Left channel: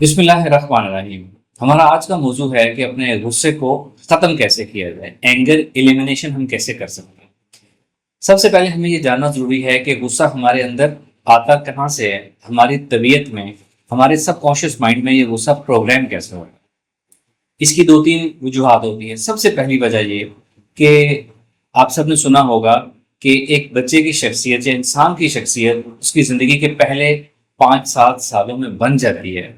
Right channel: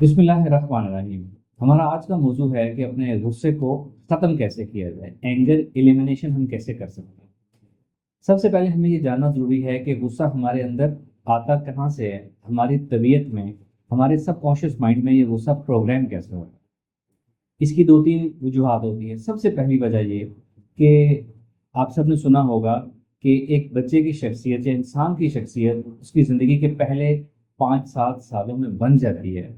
بسم اللہ الرحمن الرحیم۔ ہمارا آج کا موضوع ہے کہ اپنے غصے کو ختم کیسے کیا جائے، اینگر ایلیمینیشن ہم کیسے کر سکتے ہیں۔ سب سے پہلے ہمیں یہ جاننا ضروری ہے کہ غصہ ہمارے اندر آتا کہاں سے ہے، ہماری طبیعت میں، ہمارے سب کانشیس مائنڈ میں یہ غصہ پروگرام کیسے ہوتا ہے۔ اس کی دو تین وجوہات ہوتی ہیں۔ سب سے پہلی وجہ یہ کہ آپ سب نے سنا ہوگا کہ ایک بچے کی شخصیت یا انسان کی شخصیت اس کی زندگی کے پہلے 5-7 سالوں میں بن جاتی ہے،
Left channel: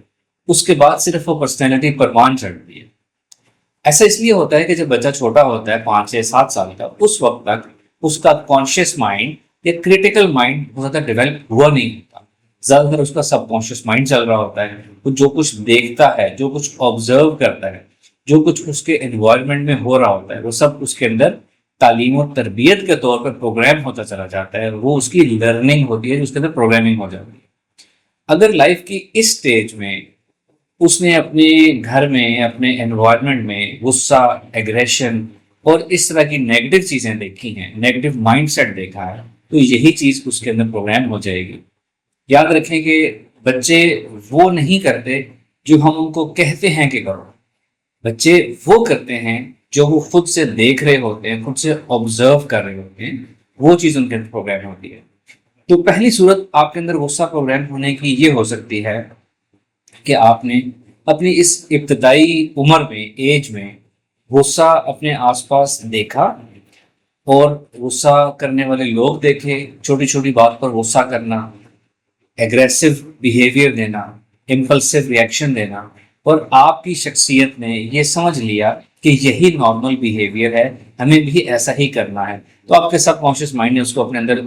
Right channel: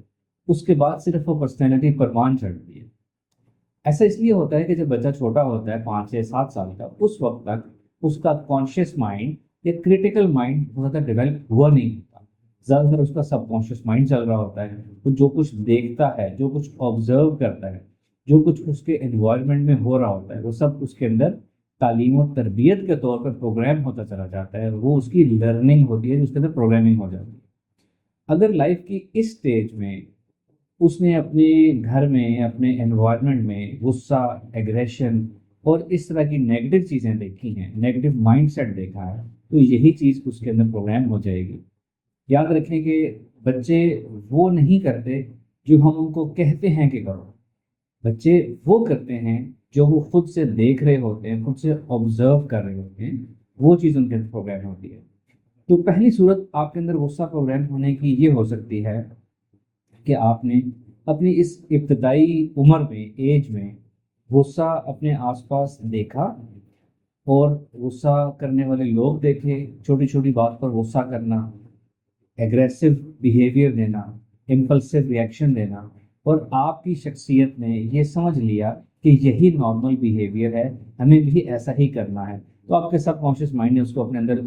اس کے بعد صرف وہ پرسنالٹی پروان چڑھتی ہے۔ ایسا اس لیے ہوتا ہے کہ جب بچہ چھوٹا ہوتا ہے 5 یا 7 سال کا، اس وقت تک اس کا کانشیس مائنڈ یا کریٹیکل مائنڈ بہت زیادہ ڈیولپ ہوا نہیں ہوتا۔ زیادہ تر اس کا سب کانشیس مائنڈ چل رہا ہوتا ہے، وہ جو کچھ دیکھتا ہے، جو کچھ آبزرو کرتا ہے، جو کچھ اس کے انوائرمنٹ میں ہو رہا ہوتا ہے، وہ سب اس کے اندر تعلیم و تربیت کے طور پر پروگرام ہوتا چلا جاتا ہے۔ وہ اس کی لرننگ ہوتی ہے، جو اس کے اندر پروگرامنگ ہو جاتی ہے۔ اگر لائف کی اس سٹیج میں اس نے اپنے گھر میں، اپنے انوائرمنٹ میں غصہ، ایگریشن اور اس طرح کی نیگیٹو چیزیں دیکھی ہیں، نیگیٹو مائنڈ سیٹ دیکھا ہے، تو یہی چیز اس کے اندر پروگرام ہو جائے گی۔ یاد رکھیں کہ بچے وہ نہیں کرتے جو ہم ان کو کہتے ہیں کہ کرو، بچے وہ کرتے ہیں جو وہ خود سے دیکھ رہے ہوتے ہیں، خود سے آبزرو کر رہے ہوتے ہیں، وہ چیز ان کے اندر پروگرام ہوتی ہے۔ تو پہلی صورت آپ کے اندر غصہ پروگرام ہونے کی یہ ہو سکتی ہے کہ آپ نے اپنی اس ابتدائی عمر میں، ایج میں، غصہ اپنے آس پاس دیکھا اور غصہ کرنے والے لوگ دیکھے، چھوٹی چھوٹی بات پر غصہ کرنا، ایگریسو بیہیویئر دینا، امپلسو ریئیکشن دینا، اور آپ کی شخصیت نے یہ سمجھ لیا کہ یہی نارمل بیہیویئر ہے، ہمیں بھی ایسا ہی کرنا ہے، تو آپ کے سب کانشیس مائنڈ نے اس کو اپنے اندر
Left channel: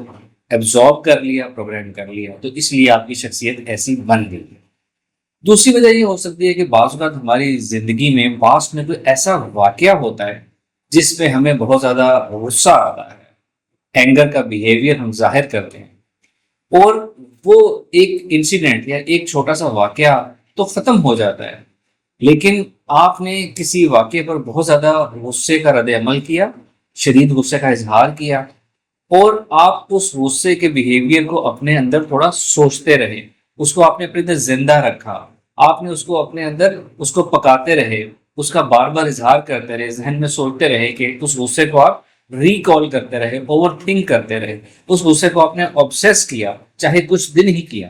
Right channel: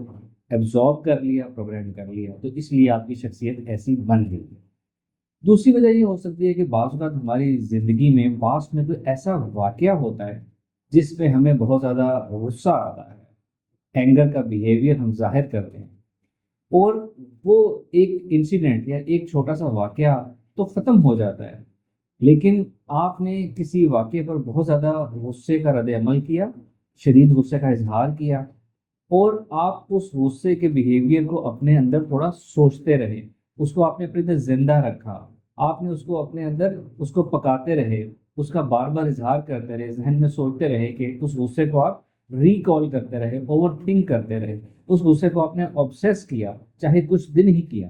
ایبزارب کر لیا، پروگرام کر لیا، تو اس لیے آپ کی شخصیت ایسی بن گئی۔ دوسری وجہ یہ ہو سکتی ہے کہ بعض اوقات ہماری زندگی میں پاسٹ میں کوئی ایسا واقعہ ہوتا ہے جس پہ ہمیں بہت زیادہ غصہ آتا ہے، اینگر کا بیہیویئر ہم ظاہر کرتے ہیں، اور وہ ایک انسیڈنٹ یا ایک چھوٹا سا واقعہ تو ختم ہو جاتا ہے، لیکن آپ نے کسی واقعے پر بہت زیادہ غصے کا رد عمل کیا، شدید غصے کا اظہار کیا، اور آپ اس غصے کے بیہیویئر کو اپنے اندر تھوڑا سوچتے رہے، اس کو آپ نے اپنے اندر زندہ رکھا، آپ نے اس کو اپنے اندر اس کو پکاتے رہے، اس کا بار بار اظہار کرتے رہے، ذہن میں سوچتے رہے کہ اس غصے کو آپ ریکال کرتے رہے، اوور تھنک کرتے رہے، اس غصے کو آپ نے آبسیس کیا، چاہے کچھ دن ہی کیا،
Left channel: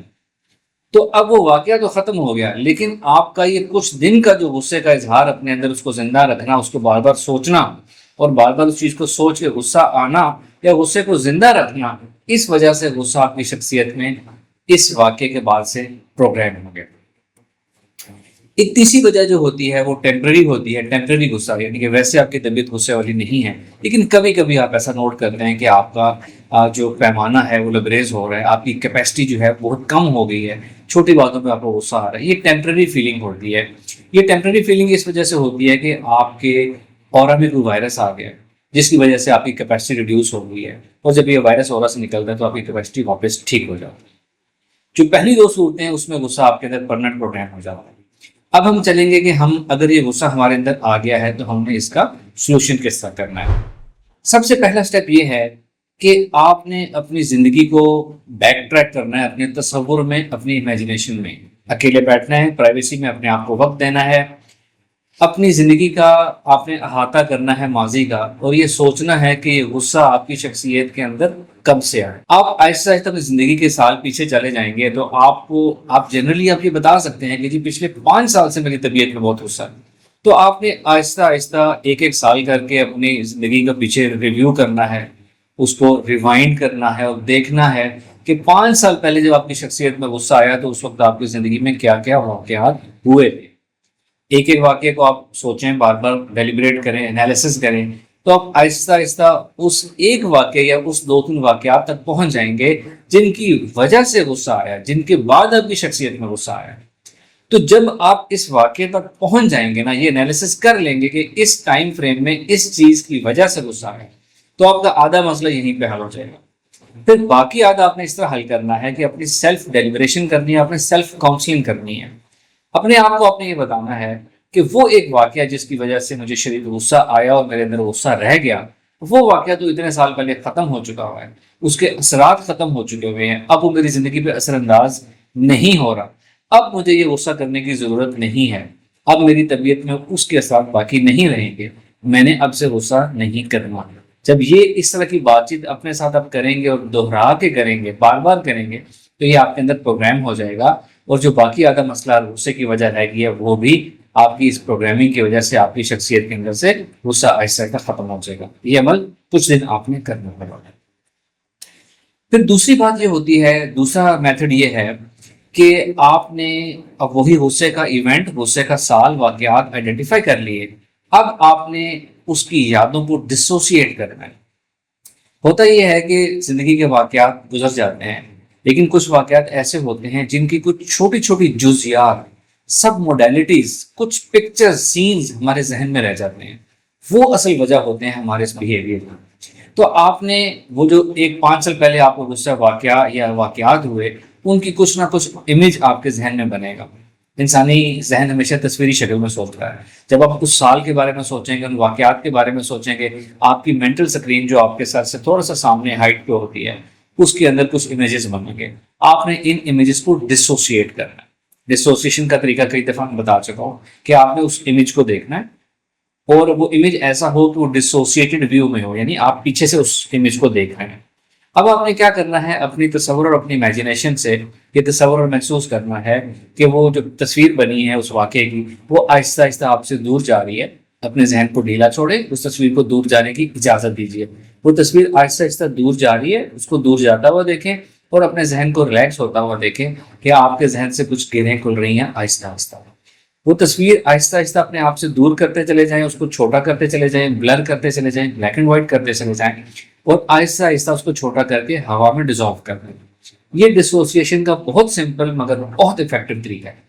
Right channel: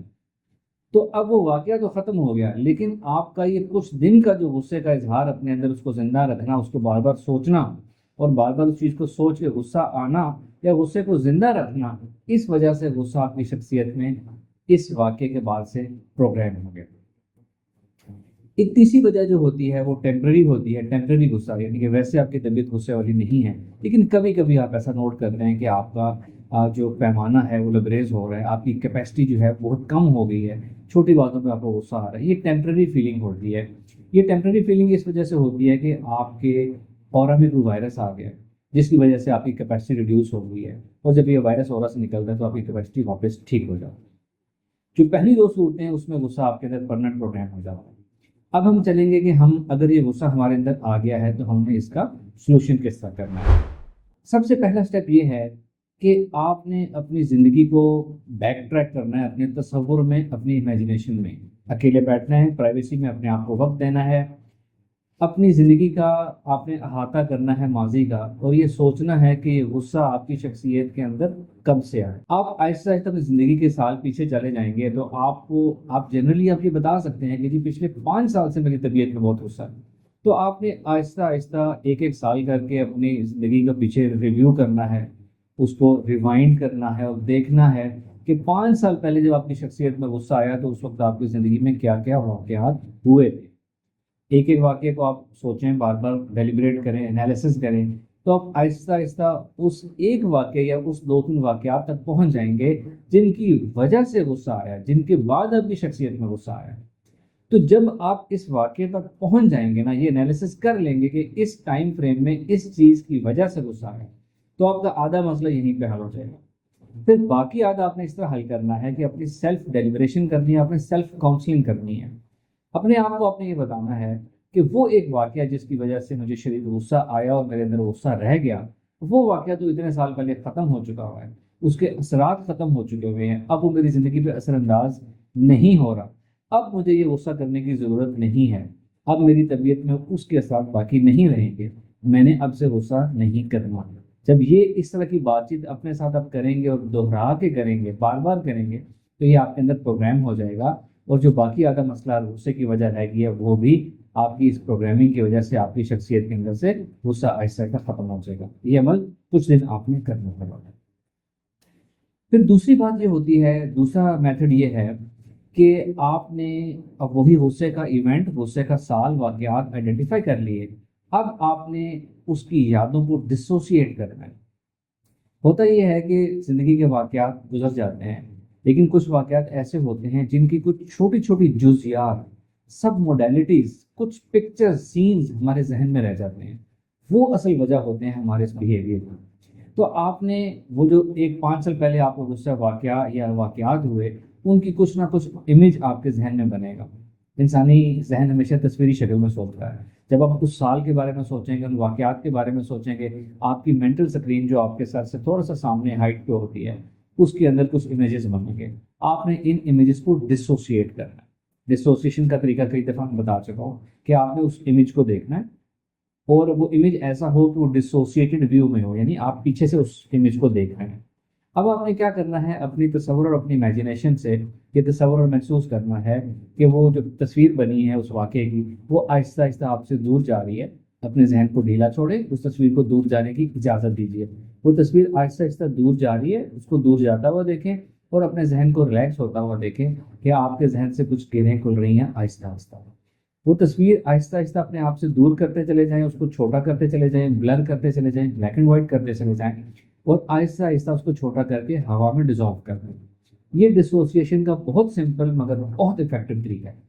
تو اب وہ واقعہ تو ختم ہو گیا، لیکن آپ کا یہ کچھ دن کا جو غصے کا اظہار اپنے اندر اس کو زندہ رکھنا، اس کو بار بار سوچنا اور بار بار اس چیز کو سوچ کے غصہ آنا یا غصے کو زندہ رکھنا، اس وجہ سے غصہ آپ کی شخصیت میں اس واقعے کے بعد سے پروگرام ہو گیا۔ ایک تیسری وجہ جو ہوتی ہے وہ ٹیمپرری ہوتی ہے، ٹیمپرری غصہ، یعنی کہ ویسے آپ کی طبیعت غصے والی نہیں ہے، لیکن کبھی کبھی آپ ایسا نوٹ کرتے ہیں کہ آپ کا جو پیمانہ ہے وہ لبریز ہو رہا ہے، آپ کی کیپیسٹی جو ہے بہت کم ہو گئی ہے، چھوٹی باتوں پہ آپ کو غصہ آ رہا ہے۔ یہ ٹیمپرری فیلنگ ہوتی ہے۔ یہ ٹیمپرری فیلنگ اس وجہ سے ہوتی ہے کہ آپ کے اورا میں کوئی وائرس آ گیا ہے، جس کی وجہ سے آپ کی کیپیسٹی ریڈیوس ہو گئی ہے، اور جب یہ وائرس اورا سے نکلتا ہے تو آپ کی کیپیسٹی واپس ٹھیک ہو جاتی ہے۔ جو پہلی دو صورتیں ہیں اس میں غصہ آپ کے اندر پرمنٹ پروگرام ہو جاتا ہے۔ اب ہم چلیں گے کہ ہم اگر یہ غصہ ہمارے اندر آ گیا ہے تو ہم نے اس کا سولوشن کس طرح کرنا ہے۔ سب سے پہلا سٹیپ یہ ہے کہ آپ نے اپنی زندگی کو بیک ٹریک کرنا ہے، اپنے تصور میں، اپنی امیجنیشن میں اکیلے بیٹھنا ہے، پرائیویسی میں اپنے آپ کو وقت دینا ہے، اپنی زندگی کا آپ نے احاطہ کرنا ہے ماضی کا، اور یہ سوچنا ہے کہ یہ غصہ آپ کی شخصیت کے اندر کب سے آئے۔ آپ آہستہ آہستہ اپنی زندگی کے سال پیچھے چلے جائیں گے تو آپ جنرلی آپ یہ بتا سکتے ہیں کہ جی پچھلے 5 سال سے میری طبیعت میں بہت غصہ ہے، تو آپ نے آہستہ آہستہ ایک ایک سال کر کے اپنی زندگی کا پیچھے ریویو کرنا ہے، اس کو ریوائنڈ کرنا ہے اور دیکھنا ہے کہ 5 سال پہلے جب آپ کی شخصیت میں غصہ آیا تو اس وقت آپ کی زندگی میں کیا کیا واقعات ہوئے تھے۔ ایک ایک واقعے کو آپ سوچیں، بار بار ڈیلیبریٹ کریں، انالیسس کریں، تو آپ آہستہ آہستہ اس ایک واقعے یا اس دو تین واقعات تک پہنچ جائیں گے جن کی وجہ سے غصہ آیا، جن کے بعد آپ کی شخصیت میں غصہ آیا۔ تو جب آپ اس واقعے تک پہنچ جائیں گے نا، یہ انالیسس کر لیں گے کہ اس ٹائم فریم میں اس چیز کی وجہ سے غصہ آیا، تو آپ کا آدھا مسئلہ یہیں پہ حل ہو جائے گا۔ پھر باقی آدھا آپ نے اس طرح حل کرنا ہے کہ اپنی سیلف ڈیلیبریشن کرنی ہے، اپنے سیلف کاؤنسلنگ کرنی ہے، اپنے آپ کو آپ نے یہ بتانا ہے کہ وہ ایک واقعہ جس کی وجہ سے مجھے شدید غصہ آیا اور میرے اندر غصہ رہ گیا، وہ واقعہ تو اتنے سال پہلے ختم ہو چکا ہوا ہے، اس کے اثرات ختم ہو چکے ہوئے ہیں، اب وہ میری زندگی پہ اثر انداز نہیں ہو رہا۔ اب مجھے یہ غصہ کرنے کی ضرورت نہیں ہے، اب میری طبیعت میں اس کے اثرات باقی نہیں رہیں گے، میں نے اب سے غصہ نہیں کرنا۔ جب یہ اس طرح کی بات چیت اپنے ساتھ آپ کریں گے اور دہرا کے کریں گے، بار بار کریں گے، تو یہ آپ کے اندر پروگرام ہو جائے گا، اور جو باقی آدھا مسئلہ غصے کی وجہ رہ گئی ہے وہ بھی آپ کی اس پروگرامنگ کی وجہ سے آپ کی شخصیت کے اندر سے غصہ آہستہ آہستہ ختم ہو جائے گا۔ یہ عمل کچھ دن آپ نے کرنا ہوگا۔ پھر دوسری بات یہ ہوتی ہے، دوسرا میتھڈ یہ ہے کہ آپ نے اب وہی غصے کا ایونٹ، غصے کا سال، واقعات آئیڈینٹیفائی کر لیے، اب آپ نے اس کی یادوں کو ڈسوسیٹ کرنا ہے۔ ہوتا یہ ہے کہ زندگی کے واقعات گزر جاتے ہیں، لیکن کچھ واقعات ایسے ہوتے ہیں جن کی کچھ چھوٹی چھوٹی جزیات، سب موڈیلٹیز، کچھ پکچر سینز ہمارے ذہن میں رہ جاتے ہیں، وہ اصل وجہ ہوتے ہیں ہمارے اس بیہیویئر کی۔ تو آپ نے وہ جو 5 سال پہلے آپ کو غصہ واقعہ یا واقعات ہوئے، ان کی کچھ نہ کچھ امیج آپ کے ذہن میں بنے گا۔ انسانی ذہن ہمیشہ تصویری شکل میں سوچتا ہے۔ جب آپ اس سال کے بارے میں سوچیں گے، ان واقعات کے بارے میں سوچیں گے، آپ کی مینٹل سکرین جو آپ کے سر سے تھوڑا سا سامنے ہائٹ پہ ہوتی ہے، اس کے اندر کچھ امیجز بنیں گے۔ آپ نے ان امیجز کو ڈسوسیٹ کرنا ہے۔ ڈسوسیشن کا طریقہ کئی دفعہ میں بتا چکا ہوں کہ آپ نے اس امیج کو دیکھنا ہے، اور وہ امیج ایسا ہو کہ وہ ڈسوسیٹڈ ویو میں ہو، یعنی آپ پیچھے سے اس امیج کو دیکھ رہے ہیں۔ اب آپ نے کیا کرنا ہے، اپنی تصور اور اپنی امیجنیشن سے یہ تصور اور محسوس کرنا ہے کہ وہ جو تصویر بنی ہے اس واقعے کی، وہ آہستہ آہستہ آپ سے دور جا رہی ہے۔ اپنے ذہن کو ڈھیلا چھوڑے، اس تصویر کو دور جانے کی اجازت دیجیے۔ وہ تصویر آہستہ آہستہ دور جا رہی ہے، اس کو دور جاتا ہوا دیکھیں، اور اپنے ذہن کو ریلیکس ہوتا ہوا دیکھیں کہ آپ کے ذہن سے کچھ گرہیں کھل رہی ہیں آہستہ آہستہ۔ وہ تصویر آہستہ آہستہ اپنے آپ سے دور کرتے چلے جائیں، اس کو چھوٹا کرتے چلے جائیں، بلر کرتے چلے جائیں، بلیک اینڈ وائٹ کرتے چلے جائیں، اور آہستہ آہستہ اس کو چھوٹا کر کے ہوا میں ڈیزالو کر دیں۔ یہ ڈسوسیشن کا بہت سمپل مگر بہت افیکٹو طریقہ ہے۔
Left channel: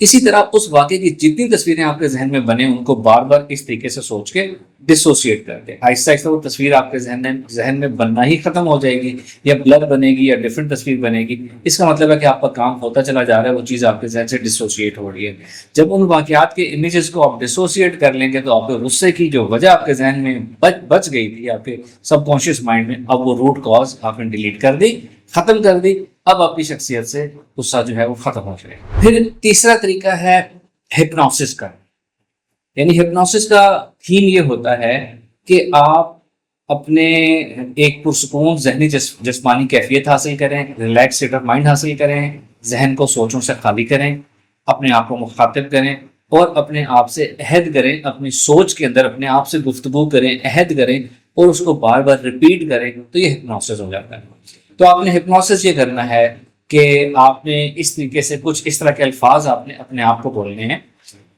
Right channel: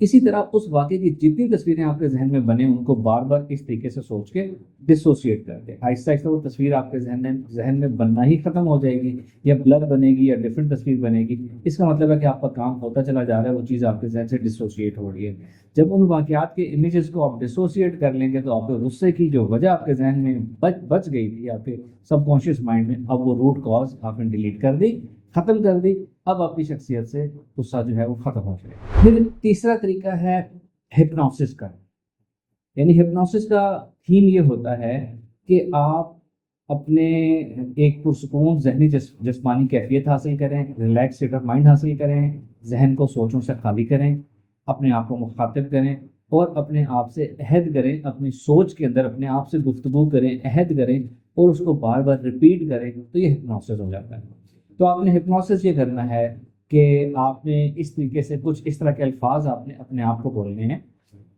اسی طرح اس واقعے کی جتنی تصویریں آپ کے ذہن میں بنے، ان کو بار بار اس طریقے سے سوچ کے ڈسوسیٹ کر دیں۔ آہستہ آہستہ وہ تصویر آپ کے ذہن میں بننا ہی ختم ہو جائے گی، یا بلر بنے گی، یا ڈفرینٹ تصویر بنے گی۔ اس کا مطلب ہے کہ آپ کا کام ہوتا چلا جا رہا ہے، وہ چیز آپ کے ذہن سے ڈسوسیٹ ہو رہی ہے۔ جب ان واقعات کے امیجز کو آپ ڈسوسیٹ کر لیں گے، تو آپ کے غصے کی جو وجہ آپ کے ذہن میں بچ گئی تھی، آپ کے سب کانشیس مائنڈ میں، اب وہ روٹ کاز آپ نے ڈیلیٹ کر دی، ختم کر دی۔ اب آپ کی شخصیت سے غصہ جو ہے وہ ختم ہو جائے۔ پھر تیسرا طریقہ ہے ہپنوسس کا۔ یعنی ہپنوسس کا تھیم یہ ہوتا ہے کہ آپ اپنے ایک پرسکون ذہنی جسمانی کیفیت حاصل کریں، ریلیکس اسٹیٹ آف مائنڈ حاصل کریں، ذہن کو سوچوں سے خالی کریں، اپنے آپ کو مخاطب کریں، اور اپنے آپ سے عہد کریں، اپنی سوچ کے اندر اپنے آپ سے گفتگو کریں، عہد کریں، اور اس کو بار بار ریپیٹ کریں، تو یہ ہپنوسس ہو جاتا ہے۔ تو آپ نے ہپنوسس یہ کرنا ہے کہ آپ نے اس طریقے سے کچھ اس طرح کے الفاظ آپ نے اپنے آپ کو بولنے ہیں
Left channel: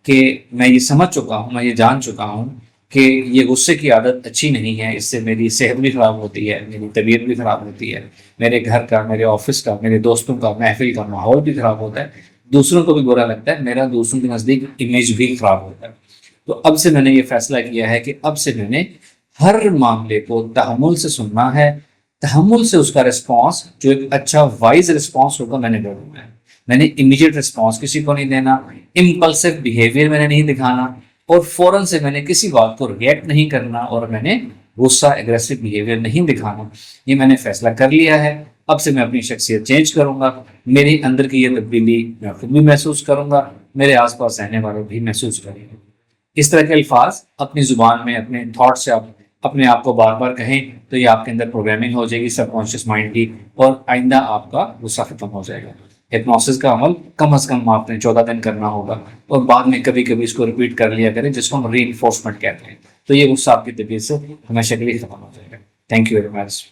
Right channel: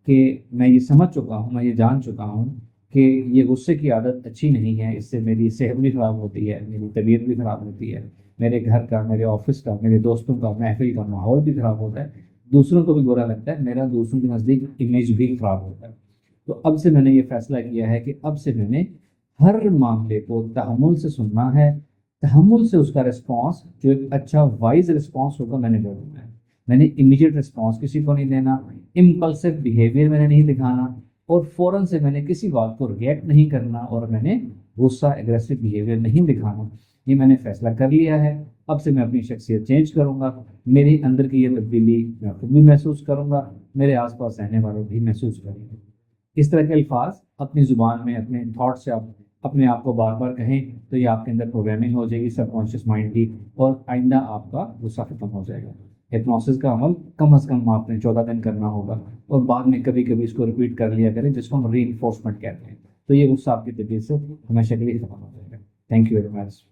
کہ میں یہ سمجھ چکا ہوں، میں یہ جان چکا ہوں کہ یہ غصے کی عادت اچھی نہیں ہے، اس سے میری صحت بھی خراب ہوتی ہے، میری طبیعت بھی خراب ہوتی ہے، میرے گھر کا، میرے آفس کا، میرے دوستوں کا، محفل کا ماحول بھی خراب ہوتا ہے، دوسروں کو بھی برا لگتا ہے، میرا دوسروں کے نزدیک امیج بھی خراب ہوتا ہے۔ تو اب سے میں نے یہ فیصلہ کیا ہے کہ اب سے میں نے ہر معاملے کو تحمل سے سننا ہے، تحمل سے اس کا رسپانس جو ایک اچھا وائز رسپانس ہوگا میں نے دینا ہے۔ میں نے امیڈیٹ رسپانس کسی کو نہیں دینا، امپلسو بیہیویئر میں نے نہیں دکھانا، اور فوراً سے میں نے کسی بات کو ریئیکٹ نہیں کرنا، اور میں نے غصہ اگریسو بیہیویئر نہیں دکھانا۔ یہ میں نے فیصلہ کر لیا ہے۔ اب سے میں اپنی شخصیت چینج کروں گا، میری اندر کی یہ تبدیلی میں خود بھی محسوس کروں گا، میرے آس پاس رہنے والے بھی محسوس کریں گے۔ اس طرح کے الفاظ اپنی زبان میں، اپنے تھاٹ سے آپ اپنے آپ کو بار بار کہیں، تو یہ آپ کے اندر پروگرامنگ ہو جائے گی سب کانشیس مائنڈ کی، اور آئندہ آپ کا غصہ ختم ہو جائے گا۔ ہپنوسس کا عمل کم از کم آپ نے 14 دن کرنا ہوگا، اور بعد میں کبھی کبھی اس کو ریپیٹ کر لیا کریں، جس کو ہم ری انفورسمنٹ کہتے ہیں۔ تو یہ غصہ آپ کی طبیعت سے ہمیشہ کے لیے ختم ہو جائے گا۔ Thank you very much.